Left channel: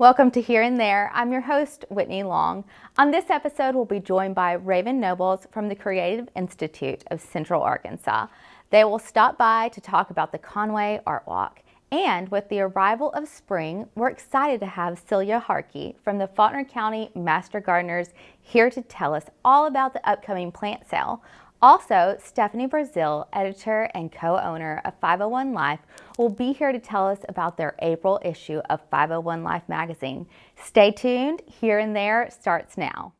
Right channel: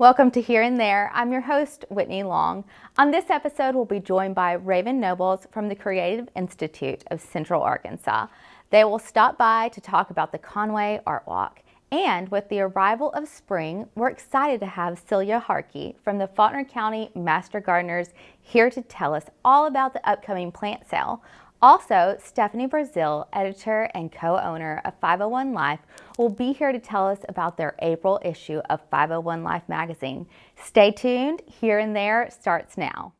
Welcome to Here and There. I'm your host, Whitney Long. On this episode, we'll be joined by Raven Nobles from the Creative Institute of Central Arkansas. They will stop by to talk about the Conway Art Walk. And with the arrival of spring, we're excited to have Celia Harkey from the Faulkner County Master Gardeners here to tell us all about the upcoming plant sale. Also, Stephanie Brazil, editor and co-owner of 501 Life, will be here to tell us about their April issue of 501 Life magazine. Stay tuned. Here and There starts now.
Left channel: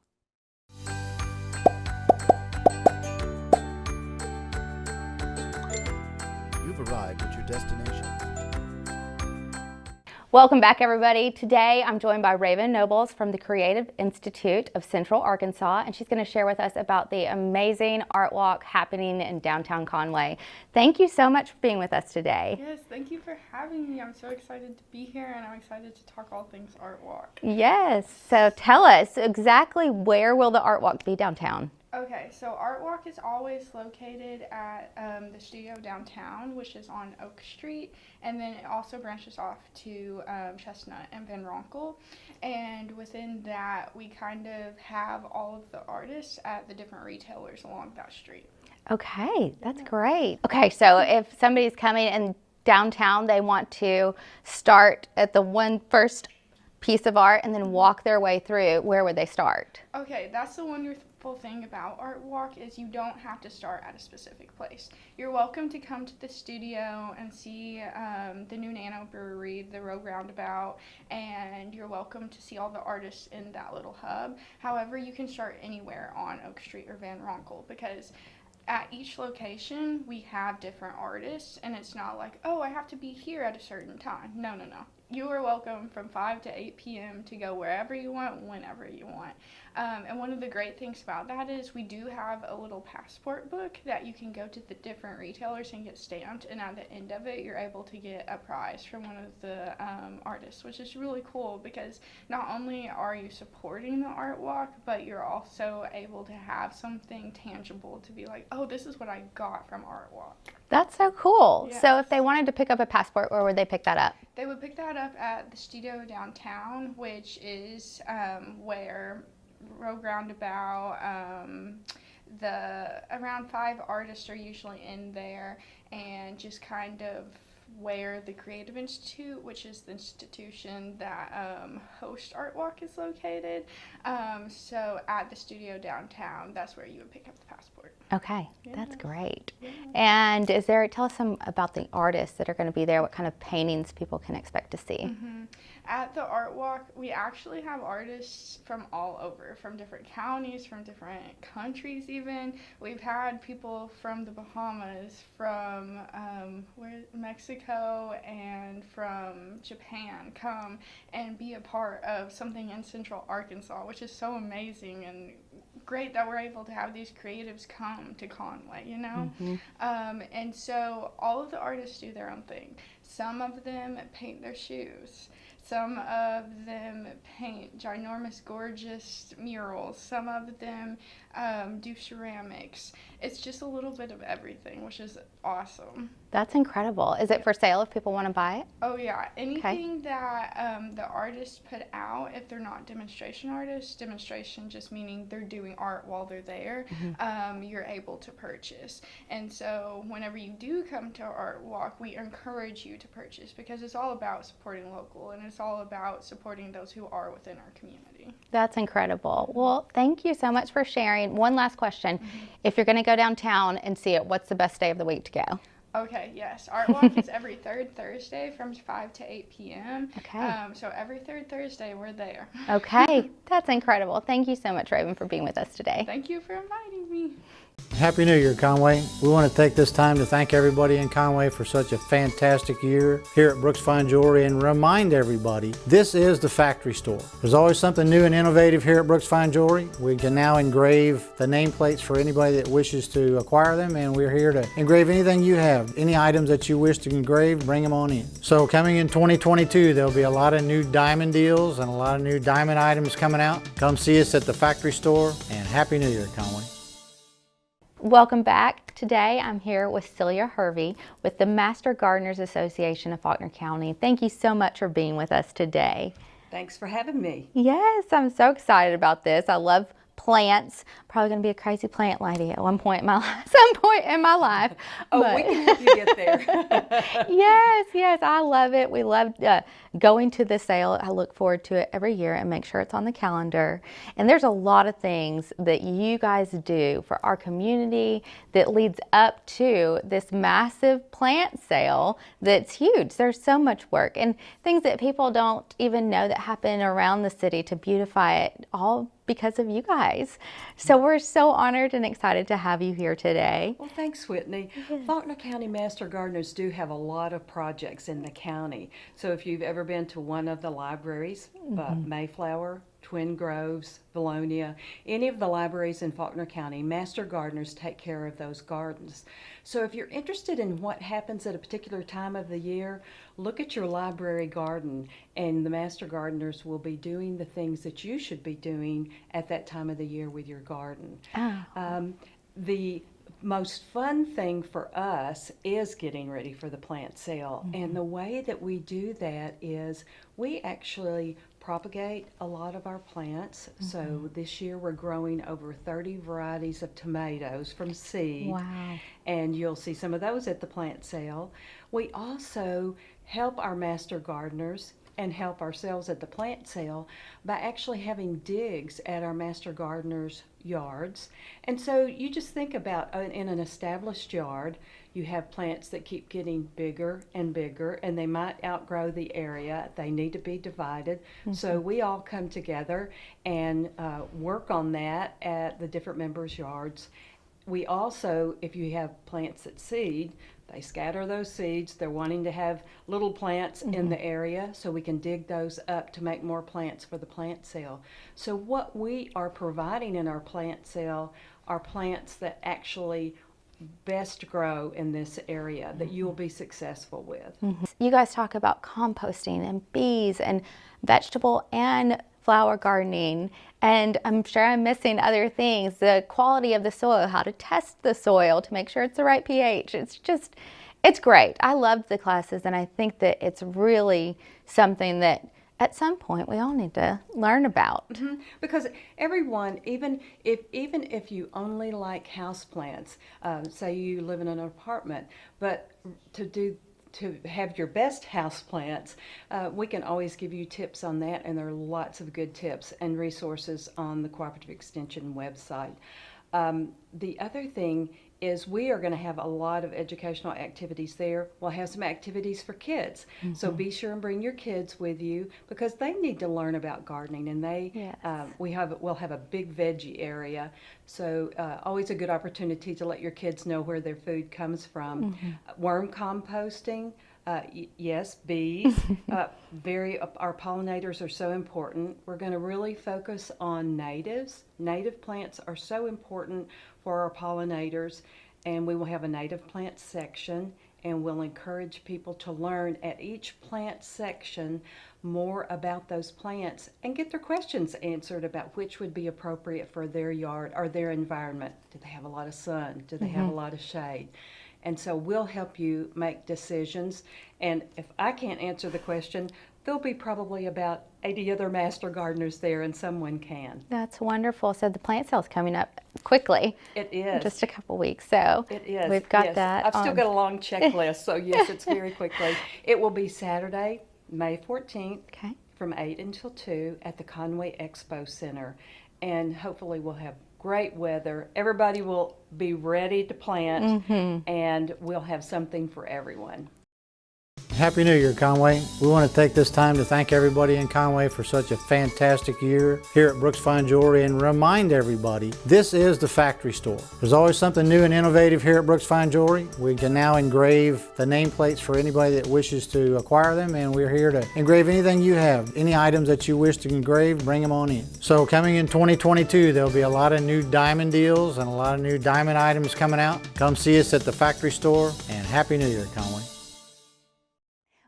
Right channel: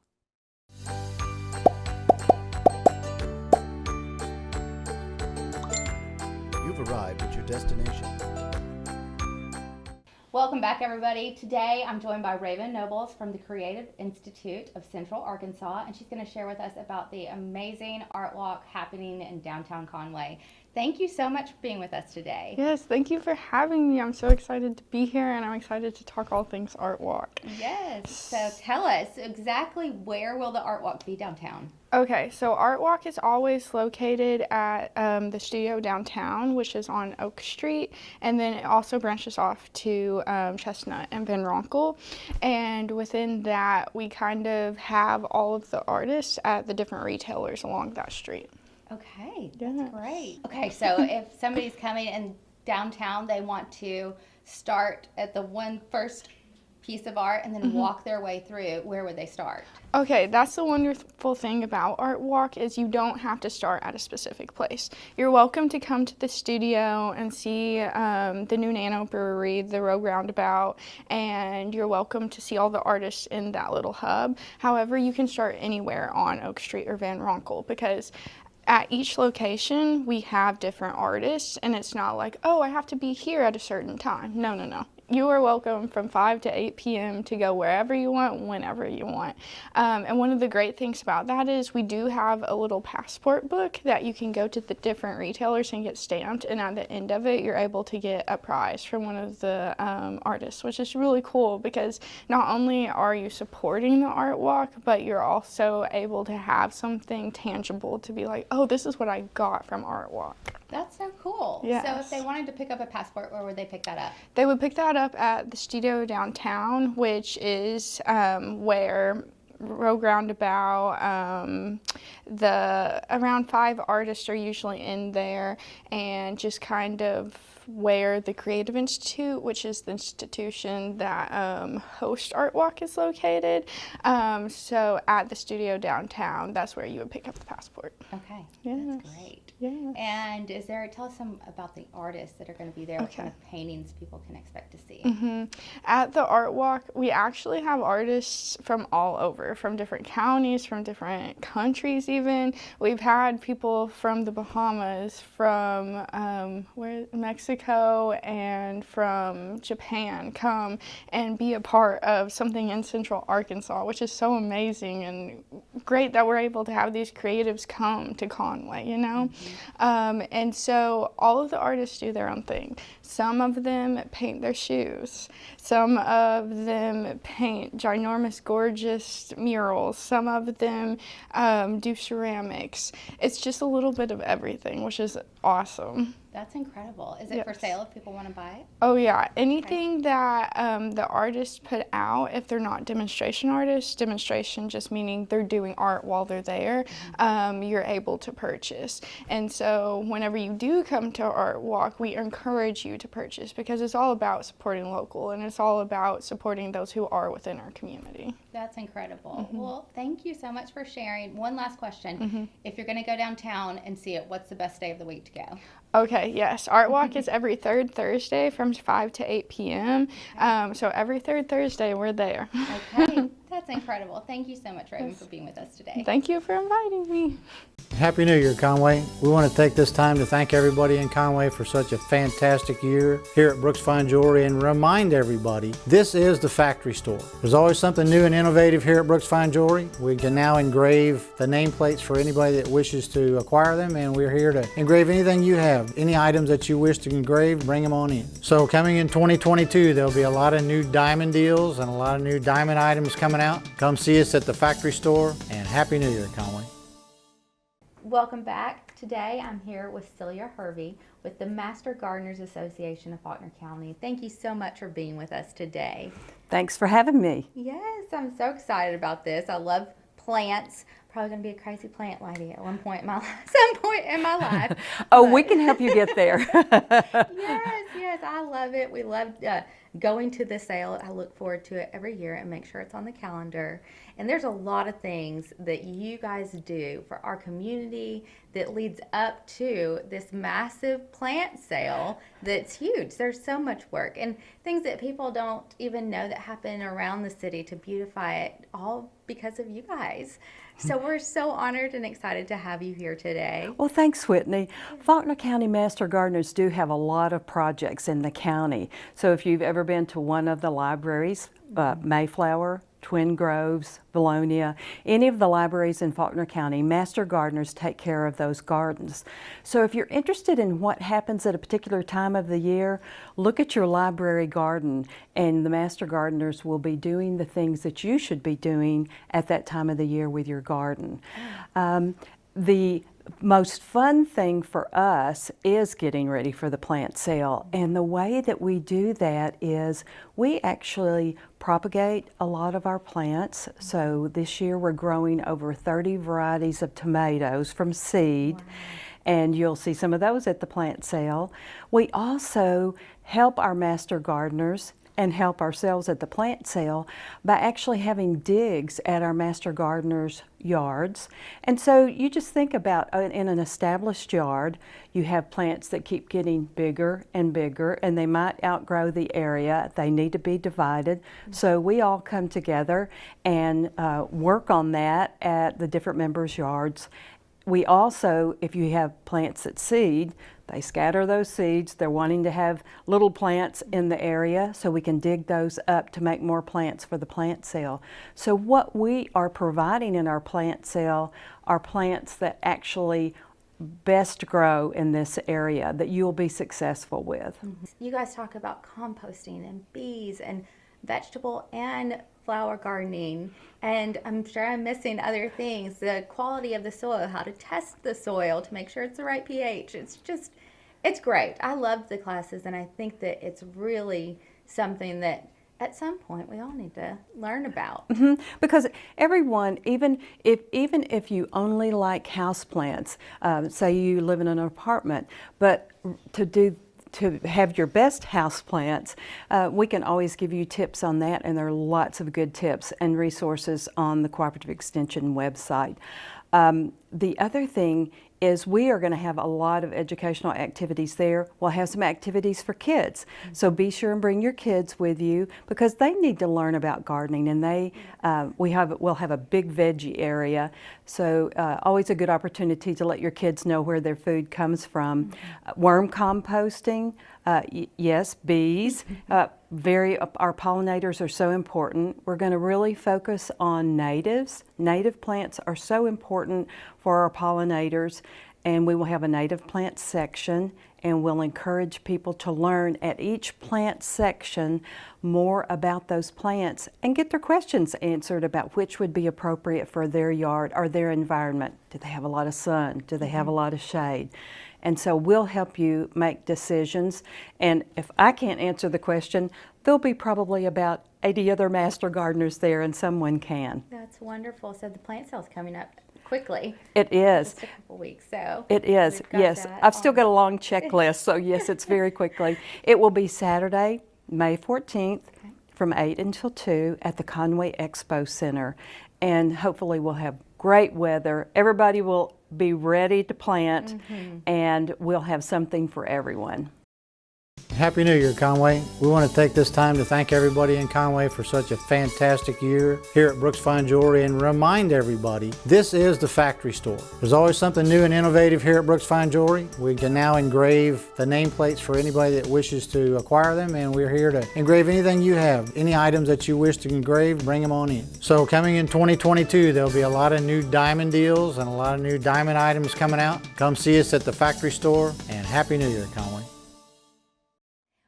You've arrived at your destination. Welcome back, everybody. Today, I'm joined by Raven Nobles from the Creative Institute of Central Arkansas, and she's going to share with us about the amazing art walk happening in downtown Conway. Thank you so much for being with us today. Yes, thank you for having me. I'm so excited to be here, and I'm excited to talk all things art walk. Yes. So tell us exactly where will the art walk be downtown? Okay, so Art Walk is always located at the studio downtown, which is on Oak Street, and then it also branches off to Chestnut and Van Ronkel. And within that, we kind of have all of the artists at the different retailers along that street. Okay, that's great. Okay, so if somebody's coming in downtown, they want to start at the one first piece of art and then walk their way through, where would they start? Okay, that's the wonderful thing about Art Walk is you don't have to start at a specific place. You're welcome to come to the studio and see the new Nano Brewery, the Rogue Roundabout, and you're welcome to see all the artists in that little hub. However, you can start anywhere on Oak Street or Van Ronkel because at each location we have different artists, and it's not like, oh, I have to be here at a certain time. No. You are welcome from 5 to 8 p.m. to go wherever you want, whenever you want. And one of the great things about that is we do have a little passport book that you can go to the different retailers and get stamped, and at the end of it, you're able to get a prize from one of the artists, which is really cool because not only are you supporting the art walk, but you're also able to have something tangible to be like, oh, this is what I got from Art Walk. That's so cool. Yes. So if they wanted to pick up a passport, where would they pick that up? They would pick that up at the studio downtown, which is where Rogue Roundabout, around 5 artists are usually in there, and just kind of where the Creative Institute, which is the institution that hosts Art Walk, is located. So at the studio downtown, that's where you would pick up the passport. Okay, Yes. That's great. Yes. And tell us some about the artists that are going to be there, what kind of paintings people can expect to see. At the Art Walk, we actually have artists from all over, from different counties, from different countries even. We've had people from the Bahamas, from Mexico, and from Japan come and be a part of something in Central Arkansas, which is so amazing and great that we're able to have these creatives come to Conway, you know? And so all of the artists do their own thing. Some of them paint their shoes. Some of them paint ginormous, gorgeous murals. Some of them do ceramics. It's just a little bit of everything, which is awesome. That's incredible. Is it for sale if people want to buy it? Oh, yeah. Anything that the artists put out, if they're not demonstration artists, demonstration just meaning they're doing art while they're there, you're able to purchase. And so whenever you do come to Art Walk, we encourage you to purchase because it's all about supporting local, and it's all about supporting those who are within our community. That's incredible. Well, thank you so much for sharing. One last question. If you're going to go downtown and see it, what's the best day of the week to go? Okay, yes. Art Walk is every third Thursday from 5 to 8 p.m. Okay. So every third Thursday, we're there. Okay, that's incredible. Thank you so much, Raven, for being with us today. Thank you for inviting me. Happy New Year, Conway. We want to take this time to thank everybody in Conway for such a fantastic year here at Brooks Fine Jewelry and remind everybody this is the factory store. There's always something new and innovative here at Brooks Fine Jewelry. We can now engrave the nameplates for anybody that wishes to acquire them, and we're here to engrave anything you have. Any items that you wish to engrave, bring them on in. So coming in 2022, there'll be a lot of new diamond deals and a lot of new diamond items coming out. Come see us at the factory store, and Happy New Year, Conway. Welcome back. Today I'm here with Celia Harkey with the Master Gardeners Association of Faulkner County. Thank you so much for being with us today. Thanks for having me. Yes, I'm so excited about this. I love plants. Probably going to be a crazy plant lady at some point in my life. Oh, we can help you get there. Yes, I love it. We love going to the sale. I look forward to it every year and make sure it's on the calendar. And there's a lot of things that you guys do for our community that leads up to this massive plant sale that's huge. There's so much work and things that people don't even know that happen around the city to beautify it, all because of you guys. So we're so honored and excited to have you here today. Well, thanks, Whitney. Faulkner County Master Gardeners do have a lot of projects in the county. So if you've ever been to one of the libraries, Mayflower, Twin Groves, Valonia, any of the libraries in Faulkner County, Master Gardeners take care of those gardens. So if you're interested in what happens at a particular time of the year, look at your library garden and the Master Gardeners will be doing the things that you should be doing at that time of the year with your garden. The most fun thing for us is getting ready for the plant sale, and the way that we do that is we actually propagate a lot of our plants. So this year we're growing over 30 varieties of tomatoes from seed. Wow. And you'll see some of those at the plant sale. We also help our master gardeners and help ourselves at the plant sale by actually having digs at our master gardeners' yards. And so you just think about in an established yard, you have plants that keep getting bigger and bigger and they might outgrow the area. They need to be divided. So we all come together and work on that at the different members' yards. We also, if you have plants that seed, they scatter those seeds. They're wanting to have little plants in the area, so we can dig those up to make more plants for the plant sale. So what we are providing in our plant sale are plants that actually best grow in this area that you'll be successful with. You guys talk about composting and bees and vegetable and flower gardening, and I'm sure I'm missing other things, the quality of the soil, how to test the soil to make sure it's the right pH. It's great. I love the classes, and I think that it's really something that at some point we all need to learn about. Because everyone, even if you only like houseplants, say you live in an apartment, but to have your best house plants, we can always give you tips on that, and there are lots of good tips and resources on the Cooperative Extension website. The other thing is we are going to have a lot of educational activities there. We'll have some activities for kids. So be sure and bring your kids with you because they need to learn about gardening, and we'll have a big veggie area. So always a good opportunity to let your kids know where their food comes from. Worm composting, yes, bees. Our pollinators are so important. We're going to really focus on natives. Native plants are so important for our pollinators, and we will have a native plant section, and we'll encourage people to learn at each plant section more about those plants and get their questions answered about which would be appropriate for their yard or their environment. Do they have a lot of sun? Do they have a lot of shade? And so we'll help you make decisions. And if I can't answer the question, there'll be probably about 80 other master gardeners there, and someone can. That's wonderful. So the plant sale's coming up quickly. It is. Just a couple weeks. So it is. We've got yes. that I've still got a long checklist, so yes, it's very quickly. It will be Saturday, May 14th from 8 until 2 at the Conway Expo Center. And hopefully we'll have great weather. Everybody will be ready to plant, and we'll have something for everyone. Happy New Year, Conway. We want to take this time to thank everybody in Conway for such a fantastic year here at Brooks Fine Jewelry and remind everybody this is the factory store. There's always something new and innovative here at Brooks Fine Jewelry. We can now engrave the nameplates for anybody that wishes to acquire them, and we're here to engrave anything you have. Any items that you wish to engrave, bring them on in. So coming in 2022, there'll be a lot of new diamond deals and a lot of new diamond items coming out. Come see us at the factory store, and Happy New Year, Conway.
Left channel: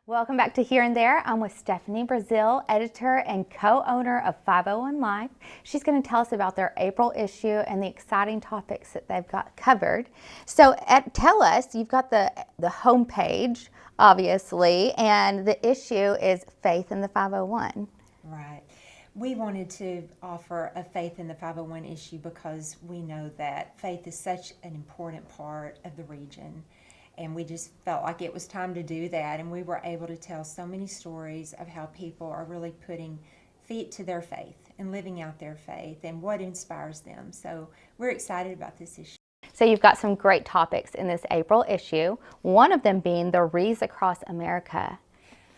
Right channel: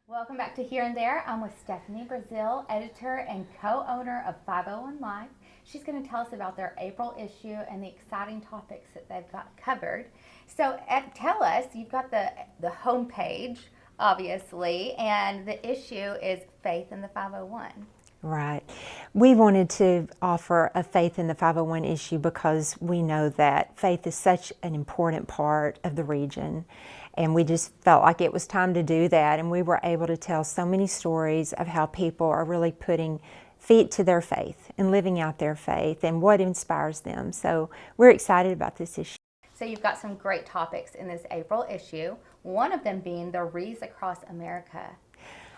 Welcome back to Here and There. I'm with Stephanie Brazil, editor and co-owner of 501 Life. She's going to tell us about their April issue and the exciting topics that they've got covered. So tell us, you've got the homepage, obviously, and the issue is Faith in the 501. Right. We wanted to offer a Faith in the 501 issue because we know that faith is such an important part of the region. And we just felt like it was time to do that. And we were able to tell so many stories of how people are really putting feet to their faith and living out their faith and what inspires them. So we're excited about this issue. So you've got some great topics in this April issue, one of them being the Wreaths Across America.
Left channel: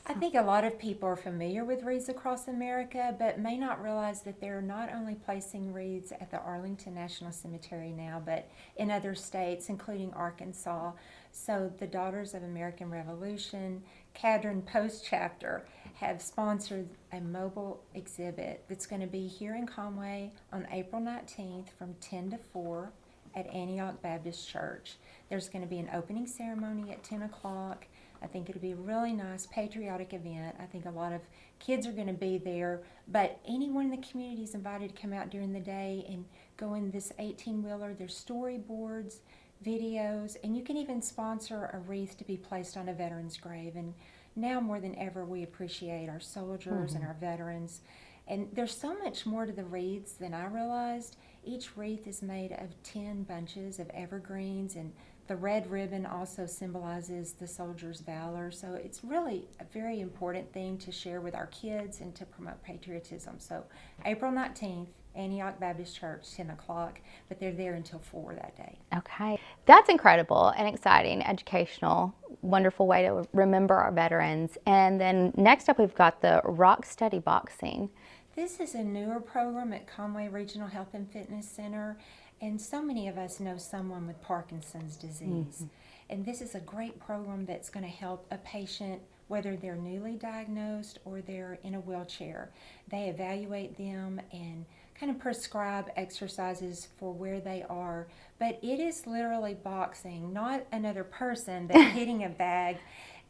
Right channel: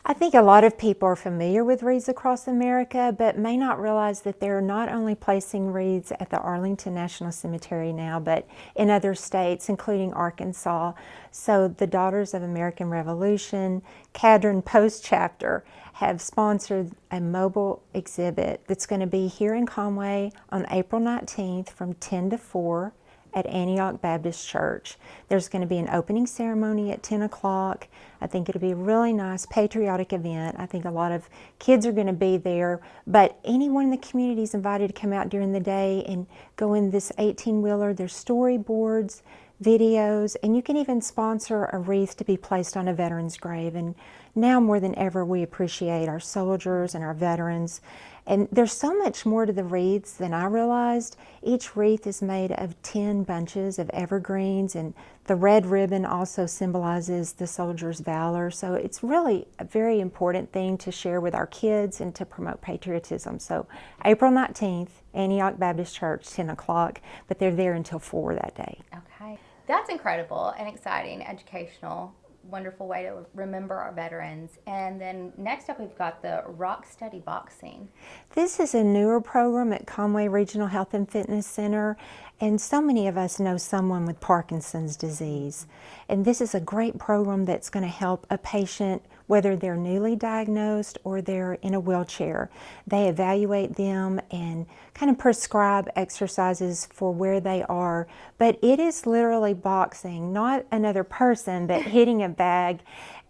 I think a lot of people are familiar with Wreaths Across America, but may not realize that they're not only placing wreaths at the Arlington National Cemetery now, but in other states, including Arkansas. So the Daughters of American Revolution, Cadron Post Chapter, have sponsored a mobile exhibit that's going to be here in Conway on April 19th from 10 to 4 at Antioch Baptist Church. There's going to be an opening ceremony at 10 o'clock. I think it'll be a really nice patriotic event. I think a lot of kids are going to be there, but anyone in the community is invited to come out during the day and go in this 18-wheeler. There's storyboards, videos, and you can even sponsor a wreath to be placed on a veteran's grave. And now more than ever, we appreciate our soldiers and our veterans. And there's so much more to the wreaths than I realized. Each wreath is made of 10 bunches of evergreens, and the red ribbon also symbolizes the soldier's valor. So it's really a very important thing to share with our kids and to promote patriotism. So April 19th, Antioch Baptist Church, 10 o'clock, but they're there until 4 that day. Okay. That's incredible and exciting, educational, wonderful way to remember our veterans. And then next up, we've got the Rock Steady Boxing. This is a newer program at Conway Regional Health and Fitness Center, and so many of us know someone with Parkinson's disease. And this is a great program that's going to help a patient, whether they're newly diagnosed or they're in a wheelchair. They evaluate them and kind of prescribe exercises for where they are. But it is literally boxing, not another person, but hitting a bag.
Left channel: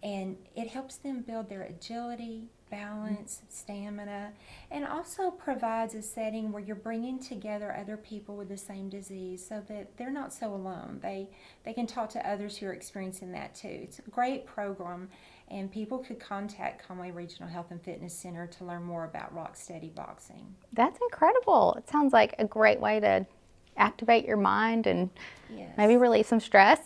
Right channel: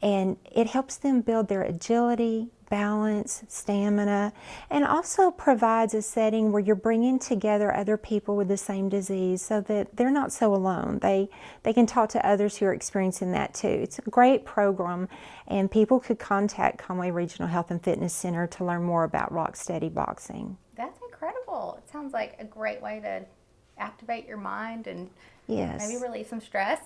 And it helps them build their agility, balance, stamina, and also provides a setting where you're bringing together other people with the same disease so that they're not so alone. They can talk to others who are experiencing that too. It's a great program, and people could contact Conway Regional Health and Fitness Center to learn more about Rock Steady Boxing. That's incredible. It sounds like a great way to activate your mind and maybe release some stress.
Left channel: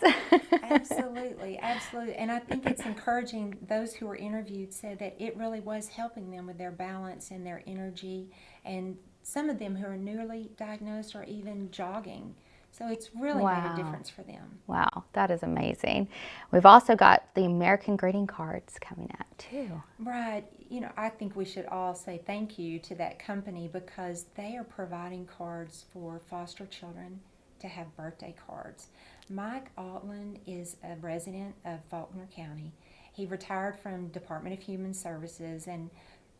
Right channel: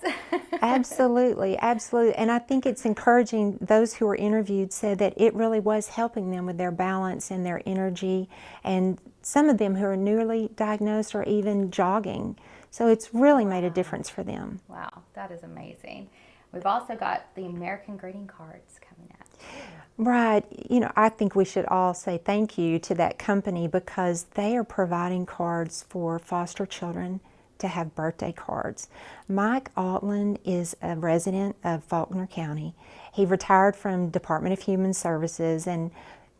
Absolutely, absolutely. And I think it's encouraging. Those who were interviewed said that it really was helping them with their balance and their energy. And some of them who are newly diagnosed are even jogging. So it's really made a difference for them. Wow, that is amazing. We've also got the American greeting cards coming up too. Right. You know, I think we should all say thank you to that company because they are providing cards for foster children to have birthday cards. Mike Altland is a resident of Faulkner County. He retired from Department of Human Services, and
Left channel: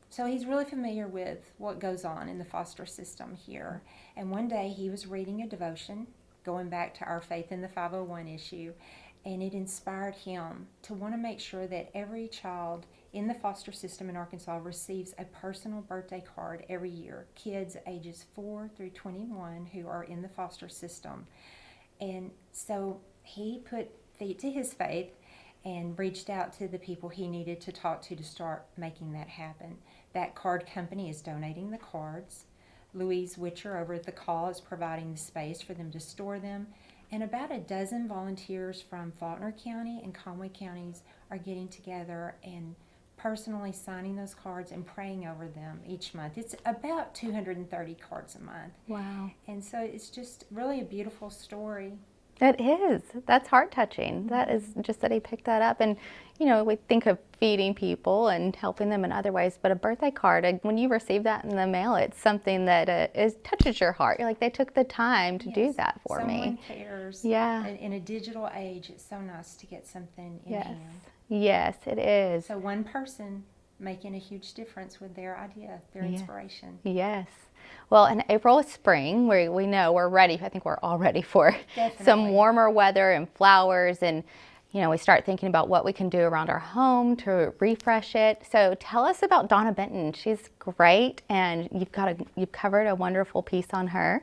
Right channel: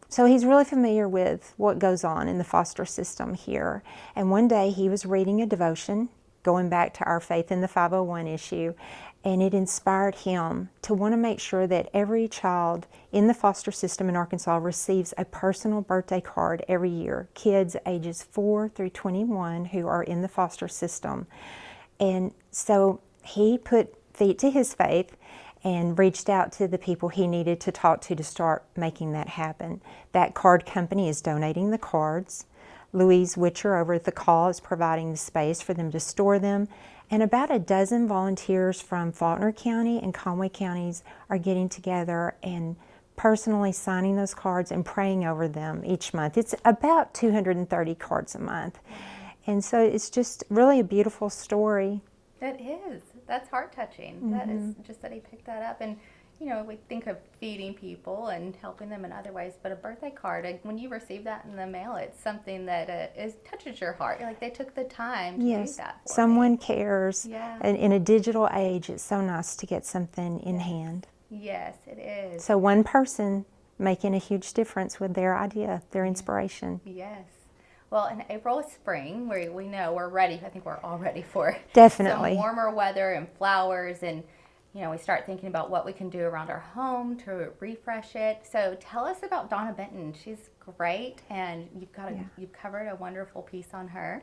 so he's really familiar with what goes on in the foster system here. And one day he was reading a devotion, going back to our Faith in the 501 issue, and it inspired him to want to make sure that every child in the foster system in Arkansas receives a personal birthday card every year, kids ages 4 through 21 who are in the foster system. And so he put feet to his faith and reached out to the people he needed to talk to start making that happen. That card company is donating the cards. Louise Witcher over at the Call is providing the space for them to store them. And about a dozen volunteers from Faulkner County and Conway counties are getting together and personally signing those cards and praying over them each month. It's about 230 cards a month. Wow. And so it's just really a beautiful story. It is. That's heart-touching. That is just that he picked that up. And, you know, we think of feeding people and helping them in other ways, but a birthday card, when you receive that in the mail, it's something that touches your heart. You're like, they took the time to do that for me. Someone cares. Yeah. And in a digital age, it's so nice to get something in hand. Yes, it is. So one person making a huge difference with their idea, their inspiration. Yes. Well, in April is spring. We know we're ready. I think we're all ready for Definitely some warmer weather and flowers. And, you know, we start thinking about what we can do around our home to refresh it. So tell us about Donna Benton. She's great, and you've covered a wonderful piece on her.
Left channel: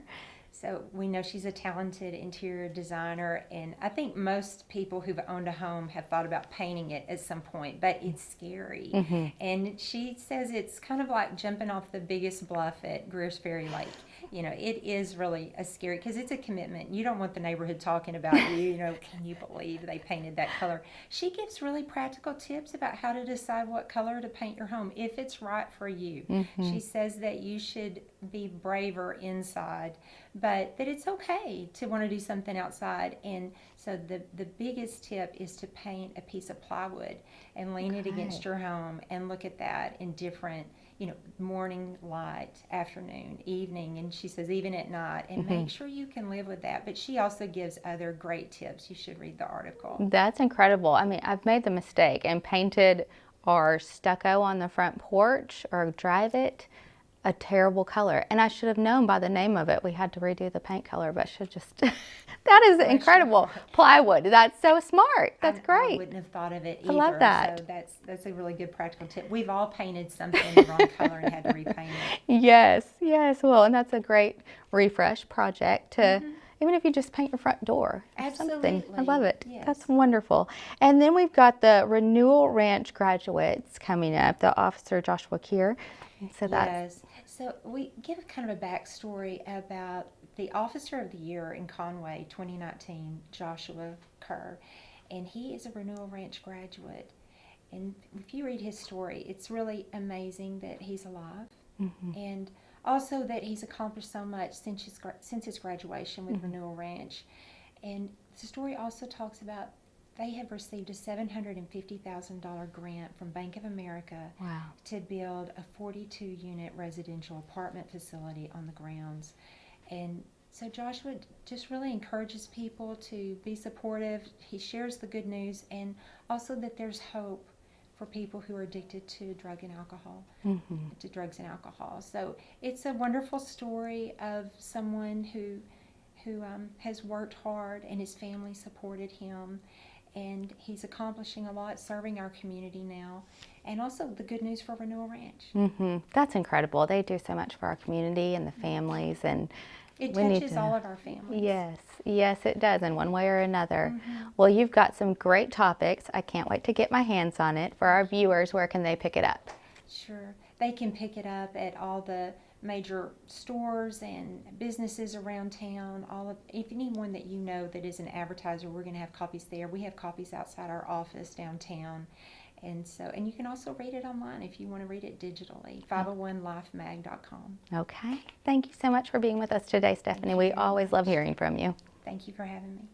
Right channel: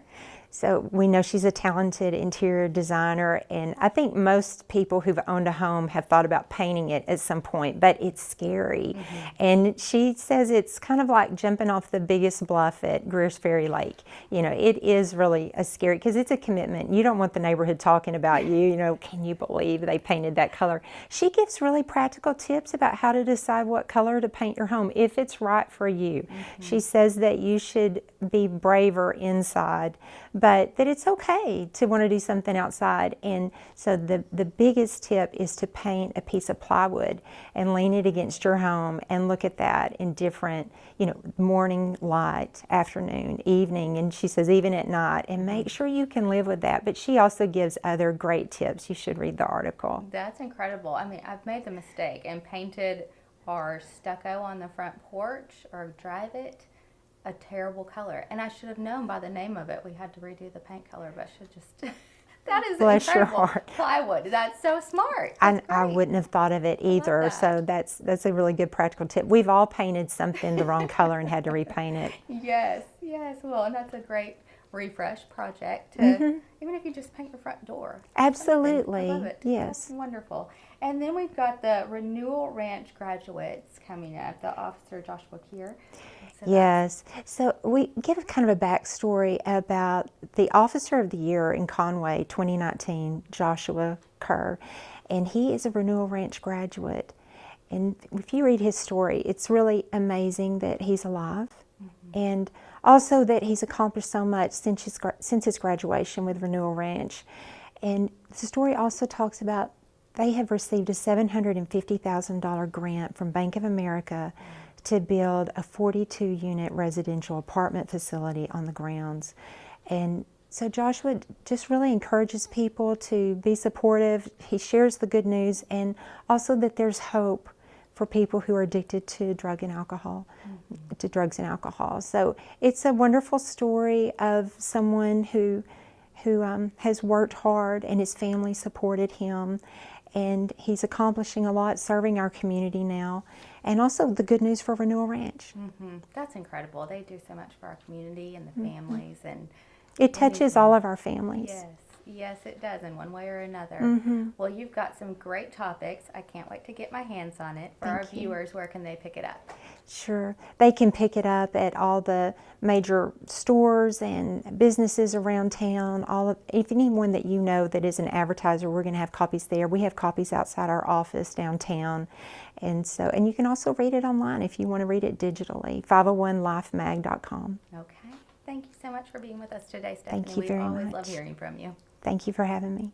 So we know she's a talented interior designer, and I think most people who've owned a home have thought about painting it at some point, but it's scary. And she says it's kind of like jumping off the biggest bluff at Greer's Ferry Lake. You know, it is really a scary, because it's a commitment. You don't want the neighborhood talking about you, you know, can you believe they painted that color? She gives really practical tips about how to decide what color to paint your home if it's right for you. She says that you should be braver inside, but that it's okay to want to do something outside. And so the biggest tip is to paint a piece of plywood and lean it against your home and look at that in different, you know, morning light, afternoon, evening, and she says even at night, and make sure you can live with that. But she also gives other great tips. You should read the article. That's incredible. I mean, I've made the mistake and painted our stucco on the front porch or drive it a terrible color, and I should have known by the name of it. We had to redo the paint color, but should just that is Bless your incredible. heart. Plywood. That's so smart. That's I great. wouldn't have thought of it love either. that. So that's a really good practical tip. We've all painted something the wrong color and had to repaint it. Yes, well, and that's a great refresh project to even if you just paint your front door. Something. Absolutely. I love it. Yes. That's wonderful. And then we've got the Renewal Ranch graduates coming up, the Officer Joshua Kerr. So Yes. So we give kind of a backstory about the Officer of the Year in Conway 2019, Joshua Kerr, and he is a Renewal Ranch graduate. And if you read his story, it's really amazing that he's alive, and also that he's accomplished so much since his graduation with Renewal Ranch. And the story also talks about they have received a $750,000 grant from Bank of America to build a 42-unit residential apartment facility on the grounds. And so Joshua just really encourages people to be supportive. He shares the good news, and also that there's hope for people who are addicted to drugs and alcohol. So it's a wonderful story of someone who has worked hard, and his family supported him, and he's accomplishing a lot, serving our community now, and also the good news for Renewal Ranch. That's incredible. They do so much for our community and the families, and It we need touches to- all of our families. Yes, it does in one way or another. Well, you've got some great topics. I can't wait to get my hands on it. For our viewers, where can they pick it up? Sure. They can pick it up at all the major stores and businesses around town. If anyone that you know that is an advertiser, we're going to have copies there. We have copies outside our office downtown. And you can also read it online if you want to read it digitally, 501lifemag.com. Okay. Thank you so much for being with us today, Stephanie. you We very always love much. hearing from you. Thank you for having me.